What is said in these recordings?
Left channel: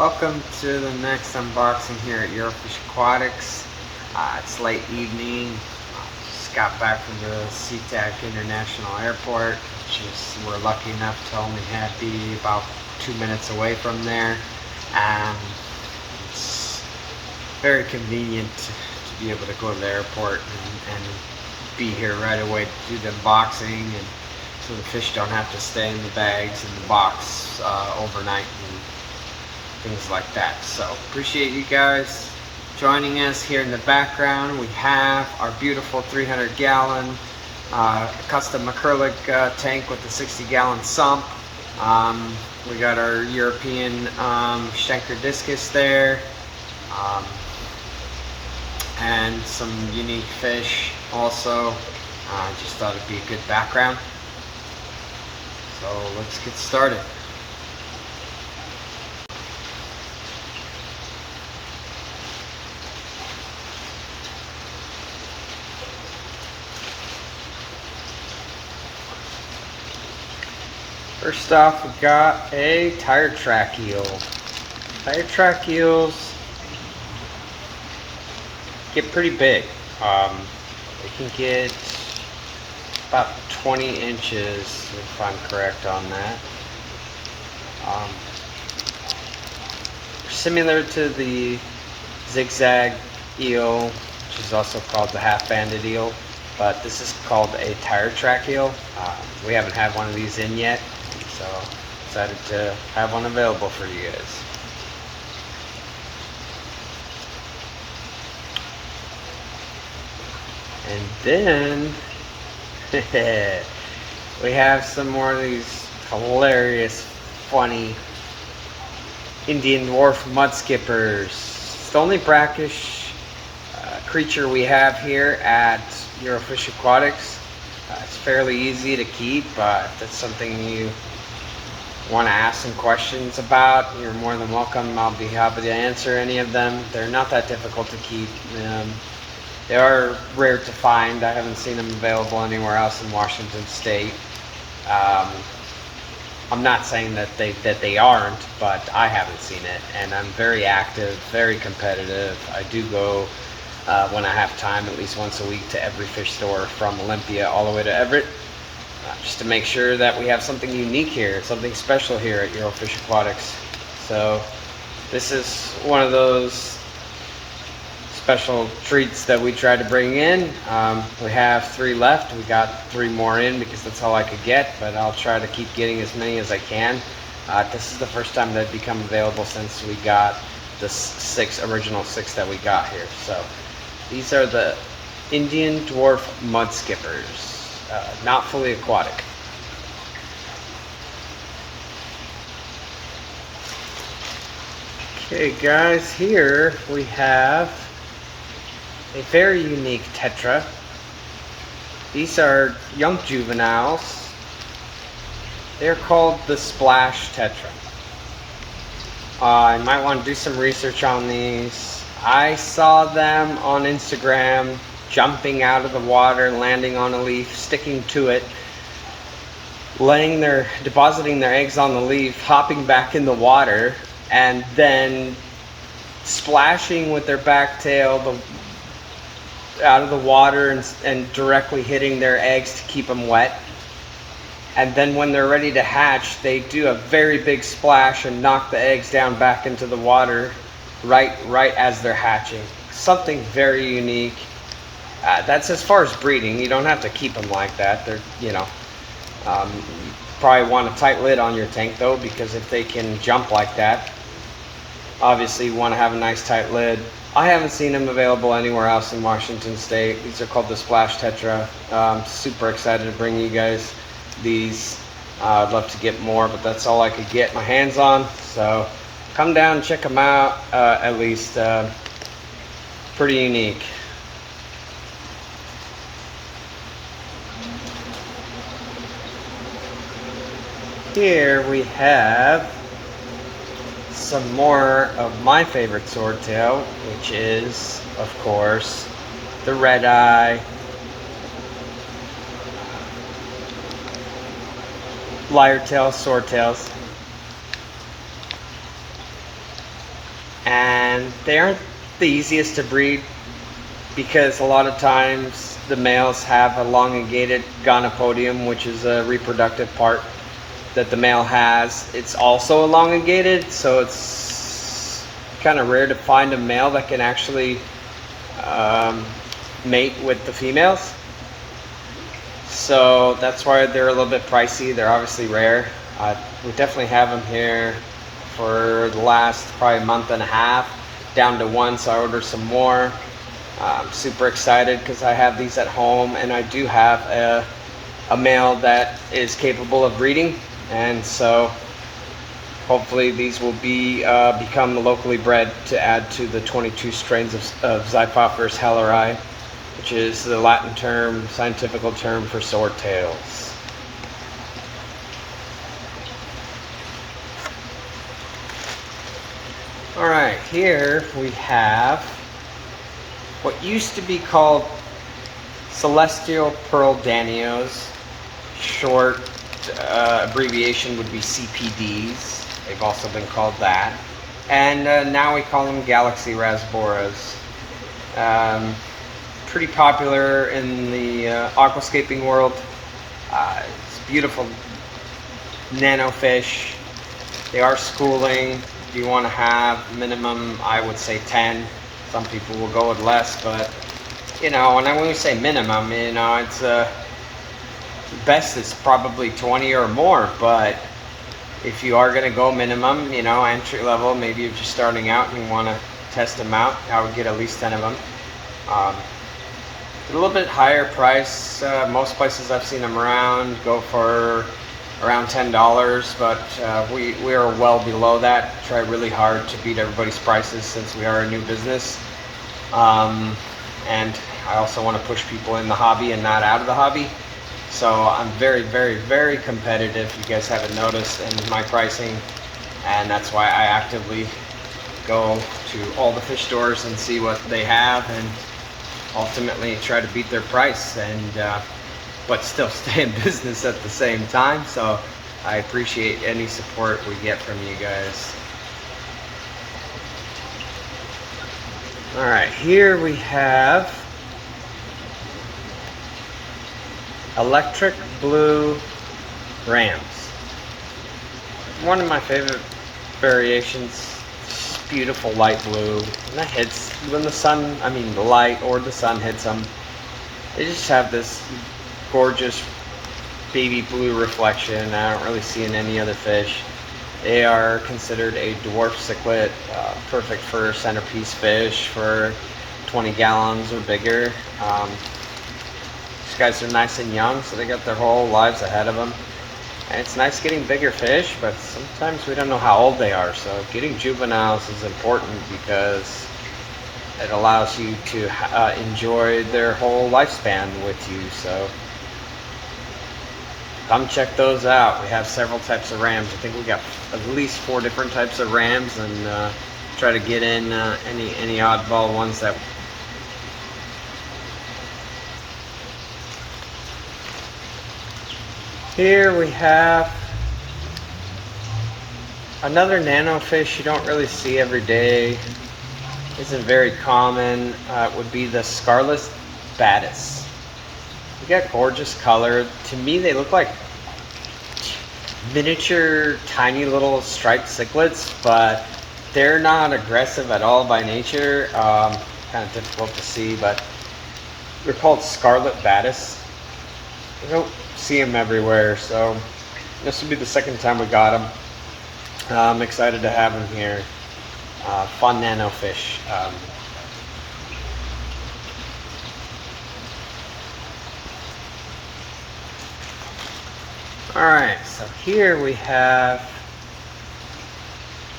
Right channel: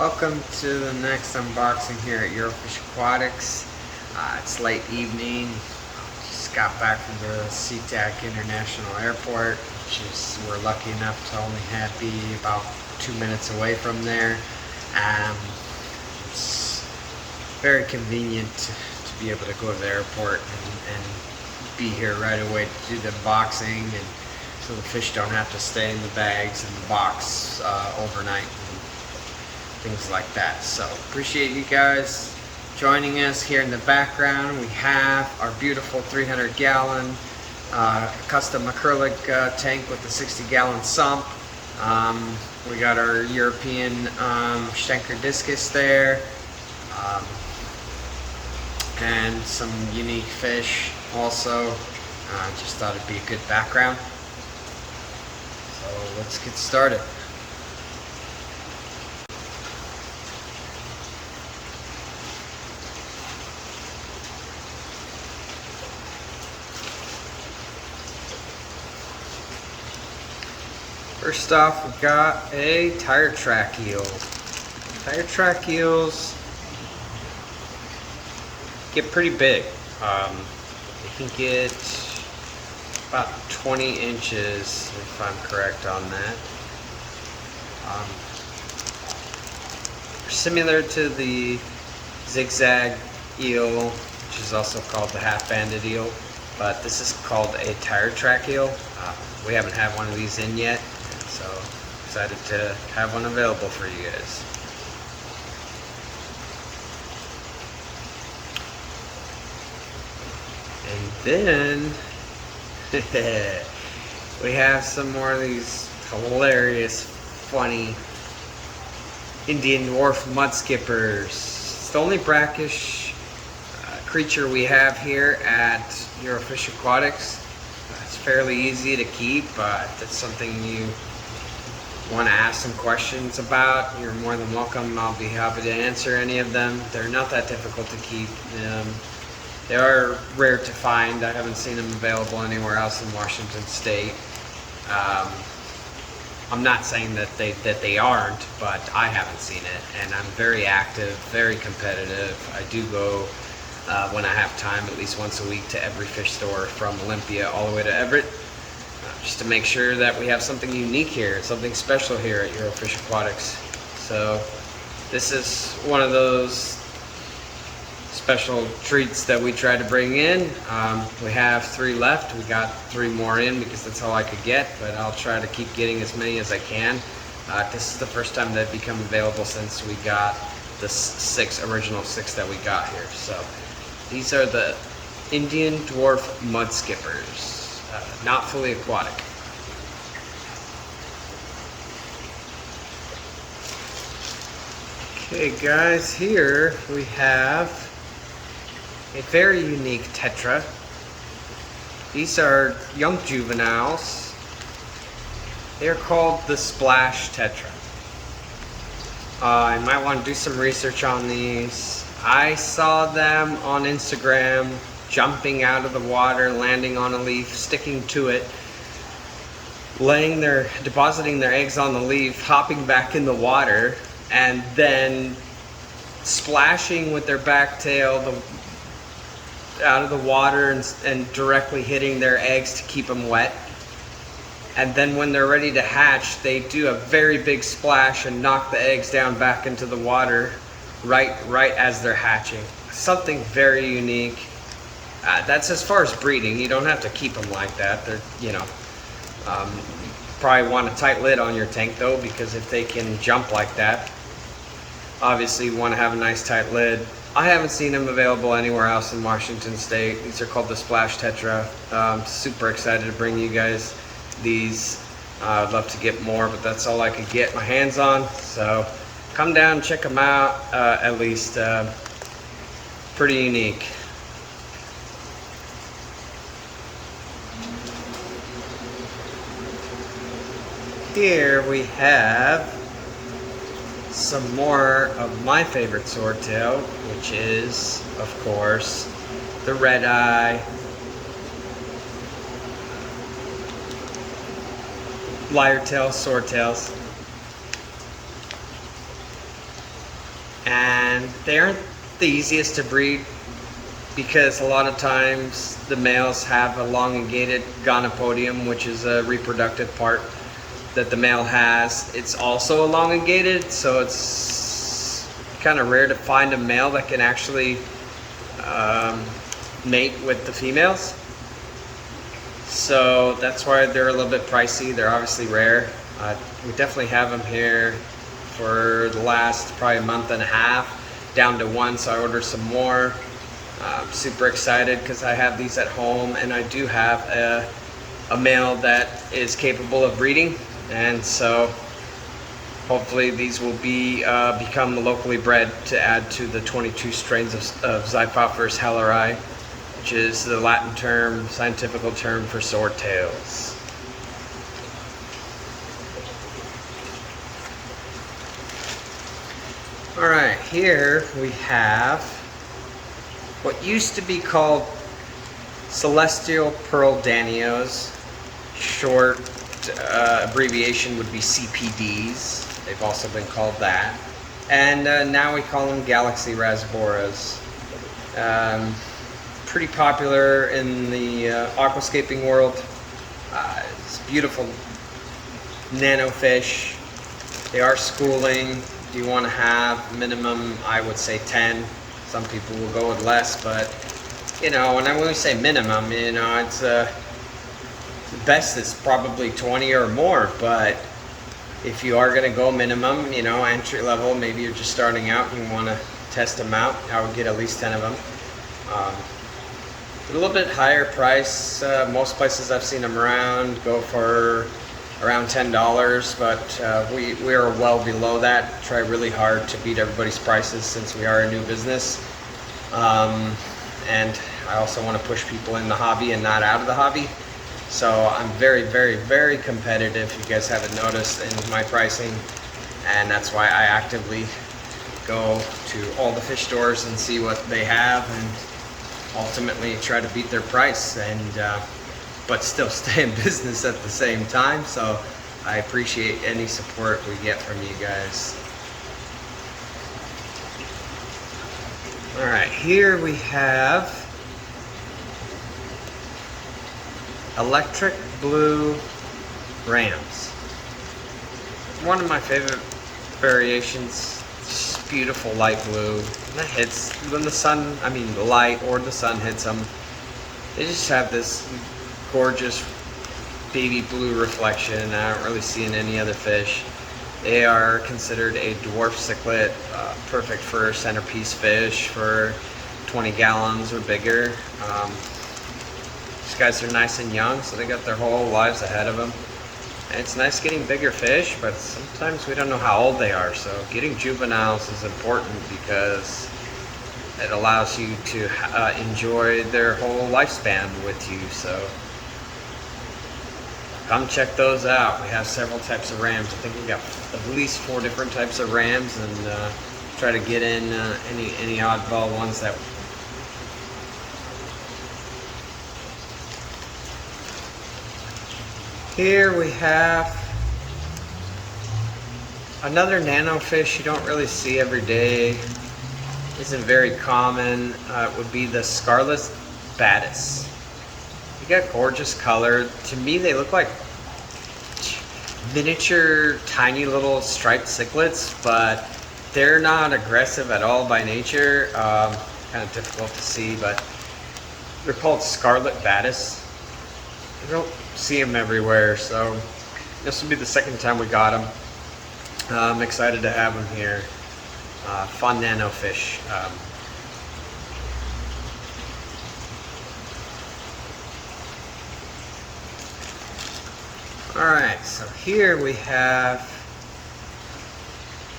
Welcome to the next unboxing here at Eurofish Aquatics. It's late evening. Just got back from the SeaTac International Airport, which is, we're lucky enough to only be about 2 minutes away from there. It's very convenient to be able to go to the airport and be here right away to do the unboxing, and so the fish don't have to stay in the bags in the box overnight and things like that. So appreciate you guys joining us. Here in the background we have our beautiful 300-gallon custom acrylic tank with a 60-gallon sump. We got our European Schenker discus there, and some unique fish also. Just thought it'd be a good background. So let's get started. First off, we got a tire track eel. Tire track eels get pretty big. They can get about 20 inches if I'm correct on that. Similar to the zigzag eel, which is also called the half-banded eel, but this is called a tire track eel. We haven't had one of these in yet, so excited to have one available for you guys. And then we have some more of these hilarious, funny Indian dwarf mud skippers. It's the only brackish creature we have here at Eurofish Aquatics. It's fairly easy to keep. If that's something you want to ask some questions about, you're more than welcome. I'll be happy to answer any of them. They're not that difficult to keep. They are rare to find. I haven't seen them available anywhere else in Washington State. I'm not saying that they aren't, but I haven't seen it. And I'm very active, very competitive. I do go when I have time, at least once a week, to every fish store from Olympia all the way to Everett, just to make sure that we have something unique here, something special here at Eurofish Aquatics. So this is one of those special treats that we try to bring in. We have 3 left. We got 3 more in because that's all I could get, but I'll try to keep getting as many as I can. This is the first time they've become available since we got the original six that we got here. So these are the Indian dwarf mud skippers, not fully aquatic. Okay guys, here we have a very unique tetra. These are young juveniles. They're called the splash tetra. You might want to do some research on these. I saw them on Instagram jumping out of the water, landing on a leaf, sticking to it, depositing their eggs on the leaf, hopping back in the water, and then splashing with their back tail out of the water and directly hitting their eggs to keep them wet. And then when they're ready to hatch, they do a very big splash and knock the eggs down back into the water right as they're hatching. Something very unique. That's as far as breeding. You don't have to keep them like that. They're, you probably want a tight lid on your tank though, because if they can jump like that, obviously you want to have a nice tight lid. I haven't seen them available anywhere else in Washington State. These are called the Splash Tetra. I'm super excited to bring you guys these. I'd love to get more, but that's all I could get my hands on. So come down and check them out, at least. Pretty unique. Here we have some more of my favorite swordtail, which is, of course, the red eye, lyre tails, swordtails. and they aren't the easiest to breed because a lot of times the males have elongated gonopodium, which is a reproductive part that the male has. It's also elongated, so it's kind of rare to find a male that can actually mate with the females. So that's why they're a little bit pricey. They're obviously rare. We definitely have them here for the last probably month and a half, down to one, so I ordered some more. I'm super excited because I have these at home, and I do have a male that is capable of breeding, and so hopefully these will be become locally bred to add to the 22 strains of Zyphophorus helleri, which is the Latin term, scientific term for swordtails. All right, here we have what used to be called celestial pearl danios. Short abbreviation would be CPDs. They've also been called that. And now we call them galaxy rasboras. Pretty popular in the aquascaping world. It's beautiful nano fish. They are schooling. You want to have minimum, I would say 10. Some people will go with less, but you know, when we say minimum, you know, it's the best is probably 20 or more. But if you are going to go minimum, you know, entry level, maybe you're just starting out and you want to test them out, I would get at least 10 of them. A little bit higher price. Most places I've seen them around go for around $10, but we are well below that. Try really hard to beat everybody's prices since we are a new business. And I also want to push people in the hobby and not out of the hobby. So I'm very, very, very competitive, you guys haven't noticed, in my pricing. And that's why I actively go to all the fish stores and see what they have and ultimately try to beat their price, and but still stay in business at the same time. So I appreciate any support we get from you guys. All right, here we have electric blue rams. One of my favorite variations. Just beautiful light blue. And that hits when the sun, I mean the light or the sun hits them. They just have this gorgeous baby blue reflection. I don't really see in any other fish. They are considered a dwarf cichlid, perfect for centerpiece fish for 20 gallons or bigger. These guys are nice and young, so they got their whole lives ahead of them. And it's nice getting bigger fish, but sometimes we don't know how old they are. So getting juveniles is important because it allows you to enjoy their whole lifespan with you. So come check those out. We have several types of rams. I think we got at least 4 different types of rams, and try to get in any oddball ones that. Here we have another nano fish you don't really see every day. Isn't very common. Would be the scarlet batis. They got gorgeous color. To me, they look like miniature, tiny little striped cichlids, but they're not aggressive at all by nature. Kind of difficult to see, but they're called scarlet batis. I don't see them everywhere, so this will be the second time we got them. I'm excited to have them here. Fun nano fish. Alright, so here we have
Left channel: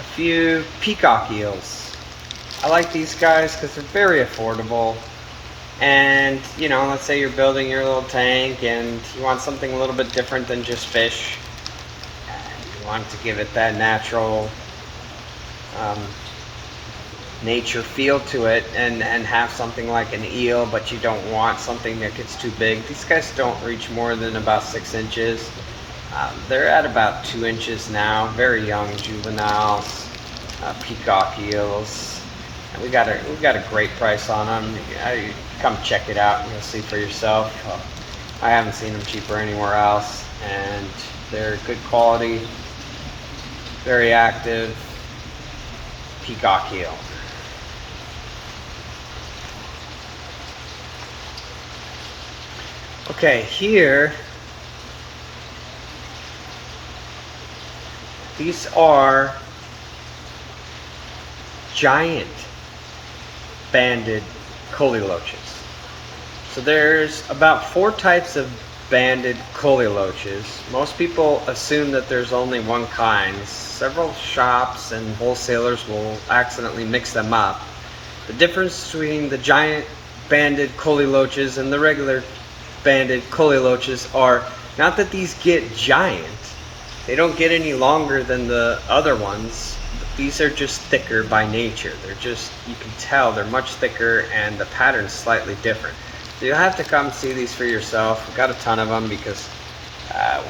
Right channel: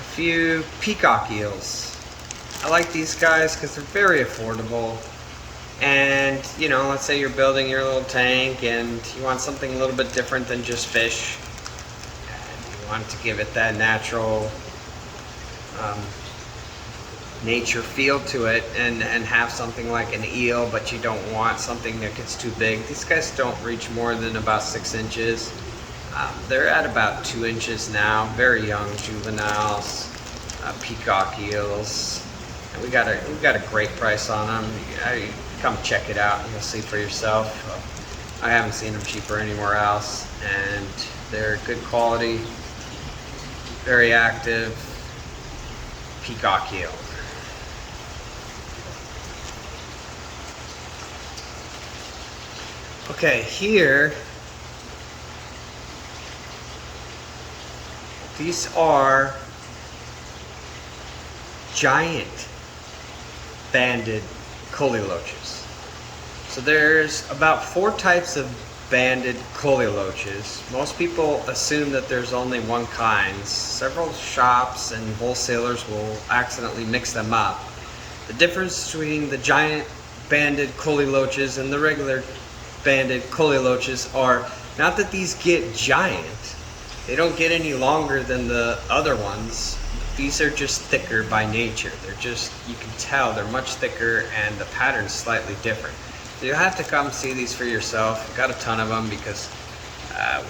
a few peacock eels. I like these guys because they're very affordable. And, you know, let's say you're building your little tank and you want something a little bit different than just fish. And you want to give it that natural nature feel to it, and have something like an eel, but you don't want something that gets too big. These guys don't reach more than about 6 inches. They're at about 2 inches now, very young juveniles. peacock eels. And we got a great price on them. Come check it out and you'll see for yourself. I haven't seen them cheaper anywhere else, and they're good quality, very active peacock eel. Okay, here, these are giant banded coleloaches. So there's about 4 types of banded coleloaches. Most people assume that there's only one kind. Several shops and wholesalers will accidentally mix them up. The difference between the giant banded coleloaches and the regular banded coleloaches are not that these get giant. They don't get any longer than the other ones. These are just thicker by nature. They're just, you can tell they're much thicker and the pattern's slightly different. So you'll have to come see these for yourself. We've got a ton of them because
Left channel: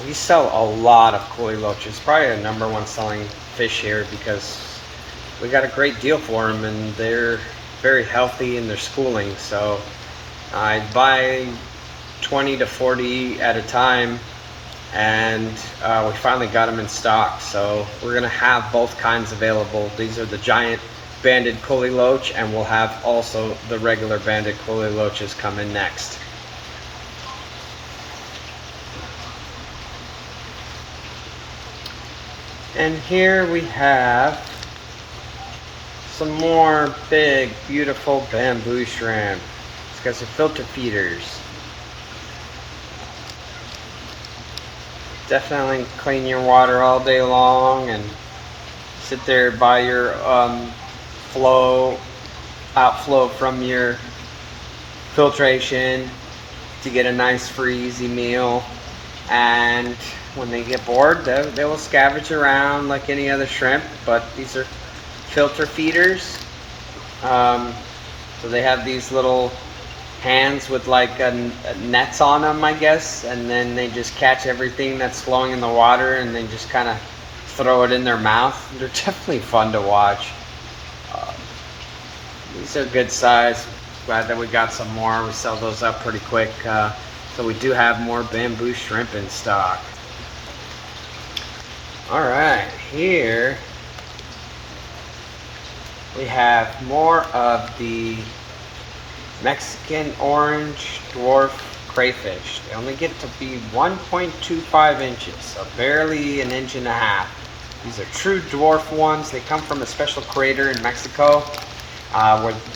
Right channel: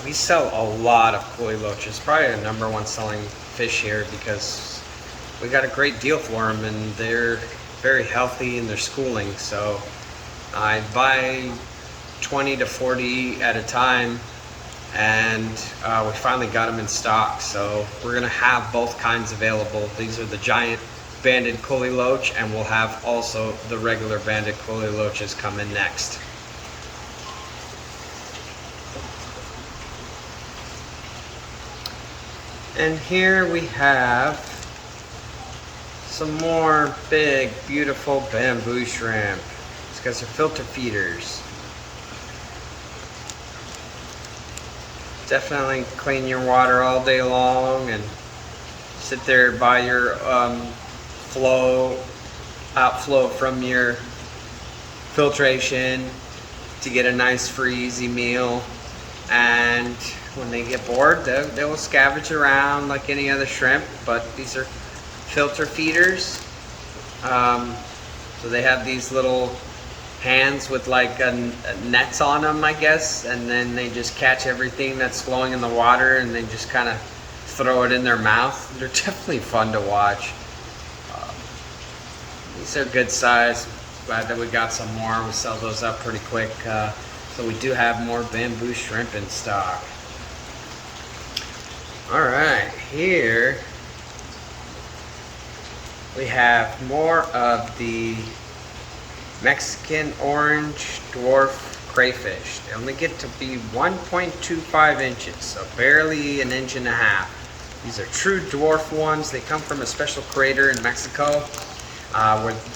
we sell a lot of coleloaches. Probably the #1 selling fish here because we got a great deal for them and they're very healthy and they're schooling. So I buy 20 to 40 at a time, and we finally got them in stock. So we're gonna have both kinds available. These are the giant banded coleloach, and we'll have also the regular banded coleloaches come in next. And here we have some more big, beautiful bamboo shrimp. These guys are filter feeders. Definitely clean your water all day long and sit there by your outflow from your filtration to get a nice free easy meal. And when they get bored, they will scavenge around like any other shrimp, but these are filter feeders. So they have these little hands with like nets on them, I guess, and then they just catch everything that's flowing in the water and they just kind of throw it in their mouth. They're definitely fun to watch. These are good size. Glad that we got some more. We sell those up pretty quick. So we do have more bamboo shrimp in stock. All right, here we have more of the Mexican orange dwarf crayfish. They only get to be 1.25 inches, so barely an inch and a half. These are true dwarf ones. They come from a special crater in Mexico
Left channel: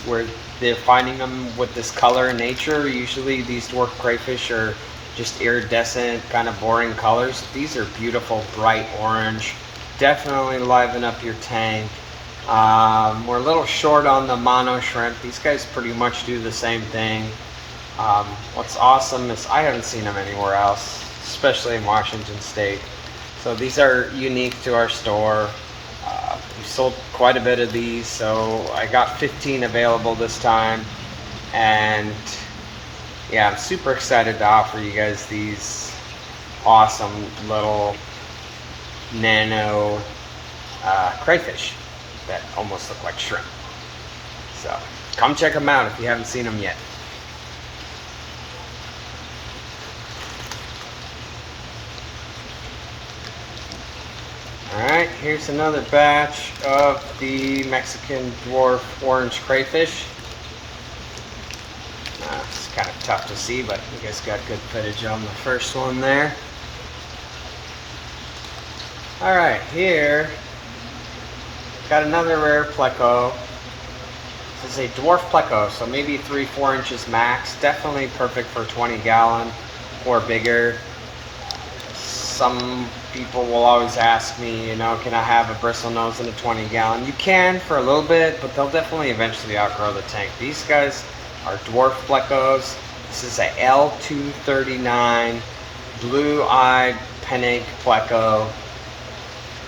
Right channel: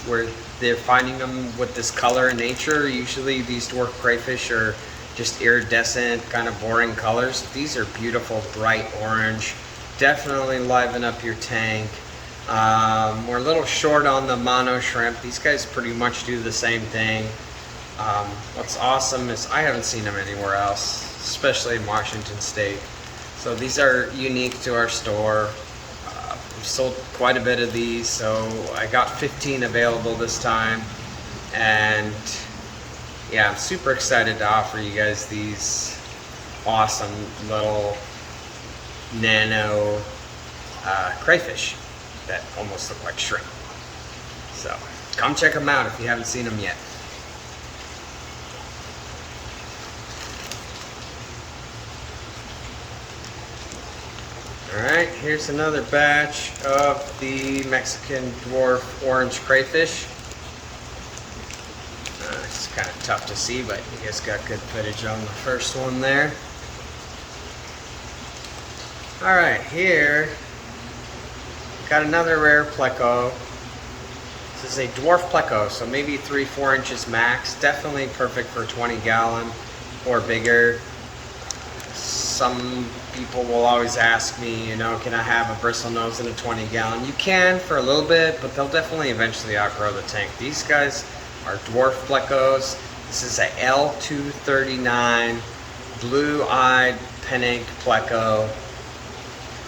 where they're finding them with this color in nature. Usually these dwarf crayfish are just iridescent, kind of boring colors. These are beautiful, bright orange. Definitely liven up your tank. We're a little short on the mono shrimp. These guys pretty much do the same thing. What's awesome is I haven't seen them anywhere else, especially in Washington State. So these are unique to our store. We've sold quite a bit of these, so I got 15 available this time. And yeah, I'm super excited to offer you guys these awesome little nano crayfish that almost look like shrimp. So come check them out if you haven't seen them yet. Alright, here's another batch of the Mexican dwarf orange crayfish. It's kind of tough to see, but you guys got good footage on the first one there. Alright, here got another rare pleco. This is a dwarf pleco, so maybe 3-4 inches max. Definitely perfect for 20 gallon or bigger. Some people will always ask me, you know, can I have a bristle nose in a 20 gallon? You can for a little bit, but they'll definitely eventually outgrow the tank. These guys are dwarf plecos. This is a L239 blue-eyed pennant pleco.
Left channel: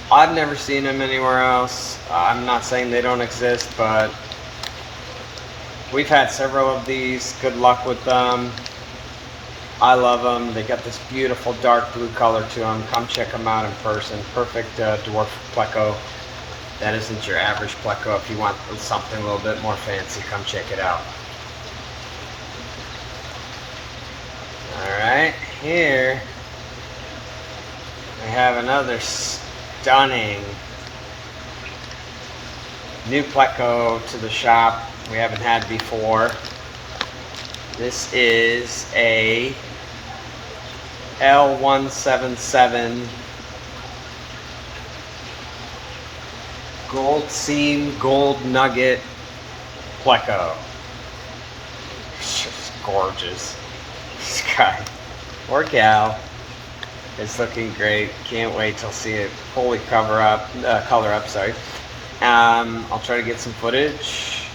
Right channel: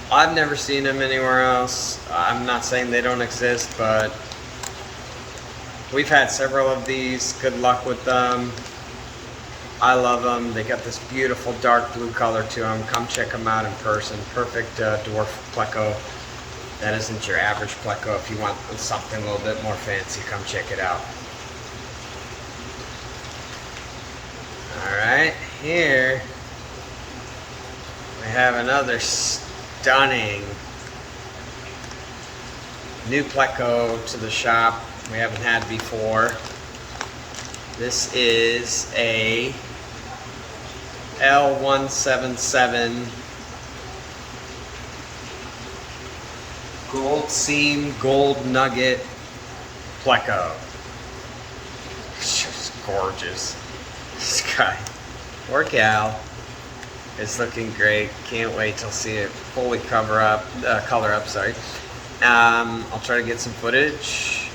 I've never seen them anywhere else. I'm not saying they don't exist, but we've had several of these. Good luck with them. I love them. They got this beautiful dark blue color to them. Come check them out in person. Perfect dwarf pleco. That isn't your average Pleco. If you want something a little bit more fancy, come check it out. Alright, here we have another stunning new Pleco to the shop we haven't had before. This is a L177 gold seam, gold nugget Pleco. It's just gorgeous. This guy or gal is looking great. Can't wait till see it fully color up. Sorry. I'll try to get some footage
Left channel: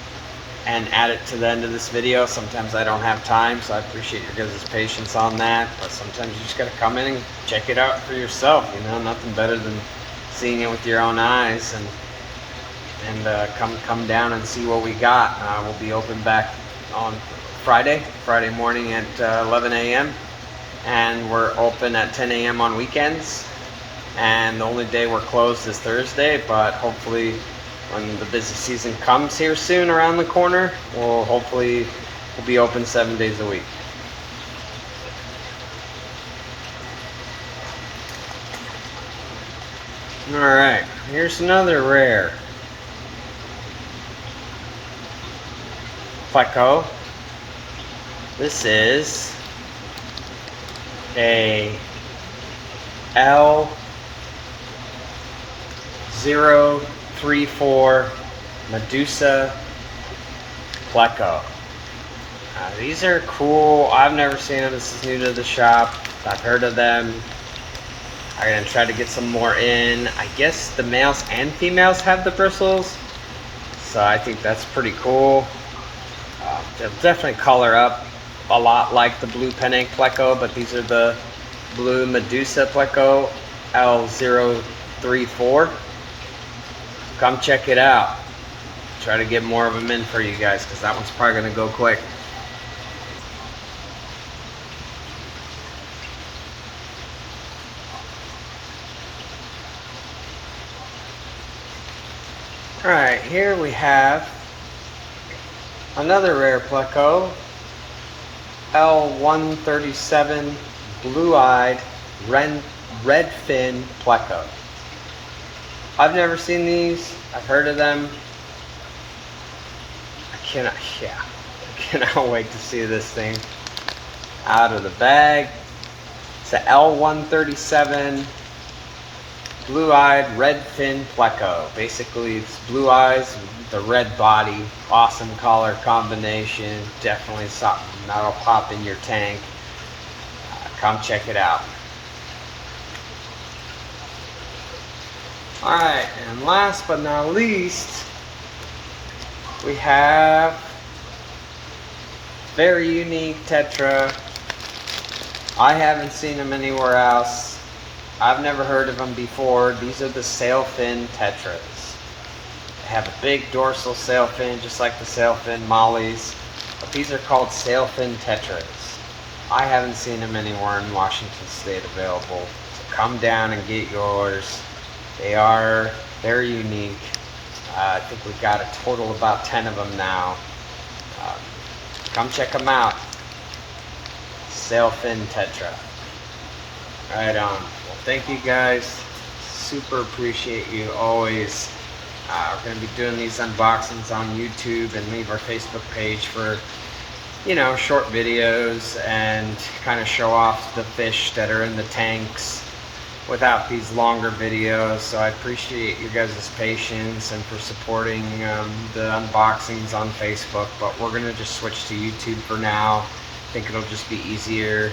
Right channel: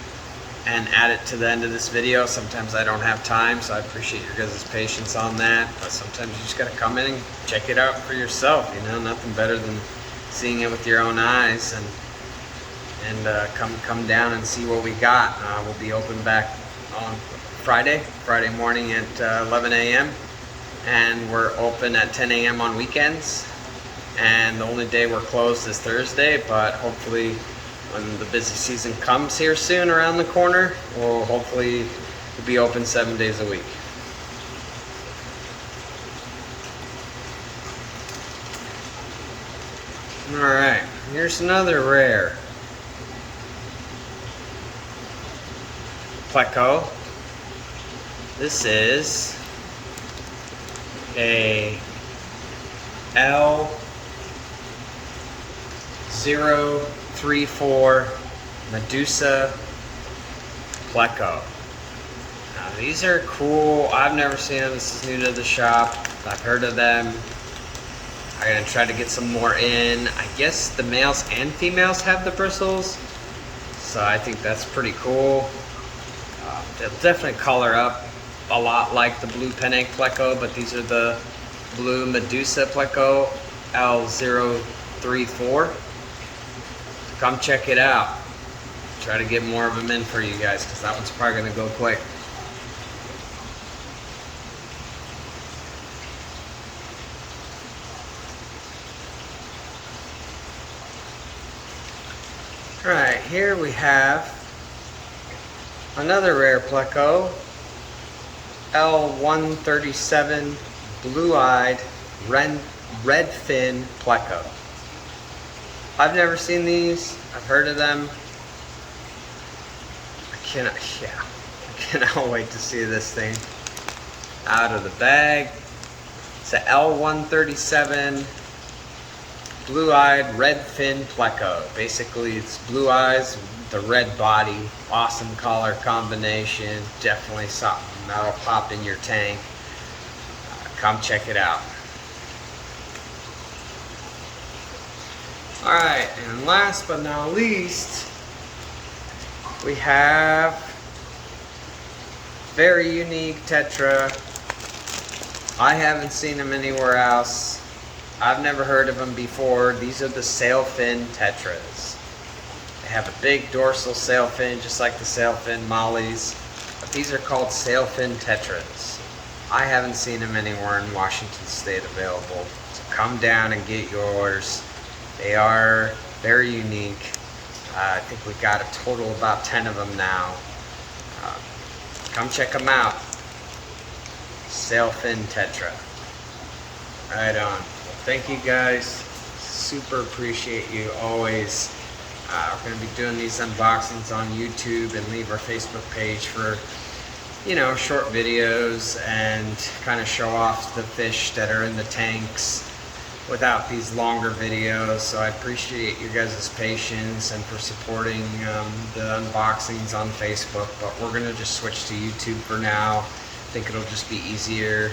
and add it to the end of this video. Sometimes I don't have time, so I appreciate your guys' patience on that. But sometimes you just gotta come in and check it out for yourself. You know, nothing better than seeing it with your own eyes, and come down and see what we got. We'll be open back on Friday morning at 11 a.m. and we're open at 10 a.m. on weekends. And the only day we're closed is Thursday, but hopefully when the busy season comes here soon around the corner, we'll be open 7 days a week. All right, here's another rare Pleco. This is a L034 Medusa Pleco. Now, these are cool. I've never seen them. This is new to the shop. I've heard of them. I'm gonna try to get some more in. I guess the males and females have the bristles, so I think that's pretty cool. They'll definitely color up a lot like the blue penne Pleco, but these are the blue Medusa Pleco L034. Come check it out. Try to get more of them in for you guys, because that one's probably going to go quick. Alright, here we have another rare Pleco, L137 blue-eyed redfin Pleco. I've never seen these. I've heard of them. I cannot wait to see this thing out of the bag. It's a L137 blue-eyed redfin Pleco. Basically, it's blue eyes with the red body. Awesome color combination. Definitely something that'll pop in your tank. Come check it out. Alright, and last but not least, we have very unique Tetra. I haven't seen them anywhere else. I've never heard of them before. These are the sailfin Tetras. They have a big dorsal sailfin, just like the sailfin mollies, but these are called sailfin Tetras. I haven't seen them anywhere in Washington State available, so come down and get yours. They are very unique. I think we got a total of about 10 of them now. Come check them out. Sailfin Tetra. Right on. Well, thank you guys. Super appreciate you always. We're going to be doing these unboxings on YouTube, and leave our Facebook page for, you know, short videos and kind of show off the fish that are in the tanks without these longer videos. So I appreciate you guys' patience and for supporting the unboxings on Facebook, but we're gonna just switch to YouTube for now. I think it'll just be easier.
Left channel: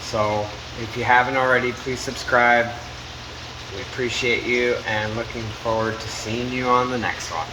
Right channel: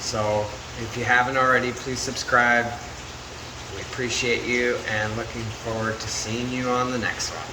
So if you haven't already, please subscribe. We appreciate you and looking forward to seeing you on the next one.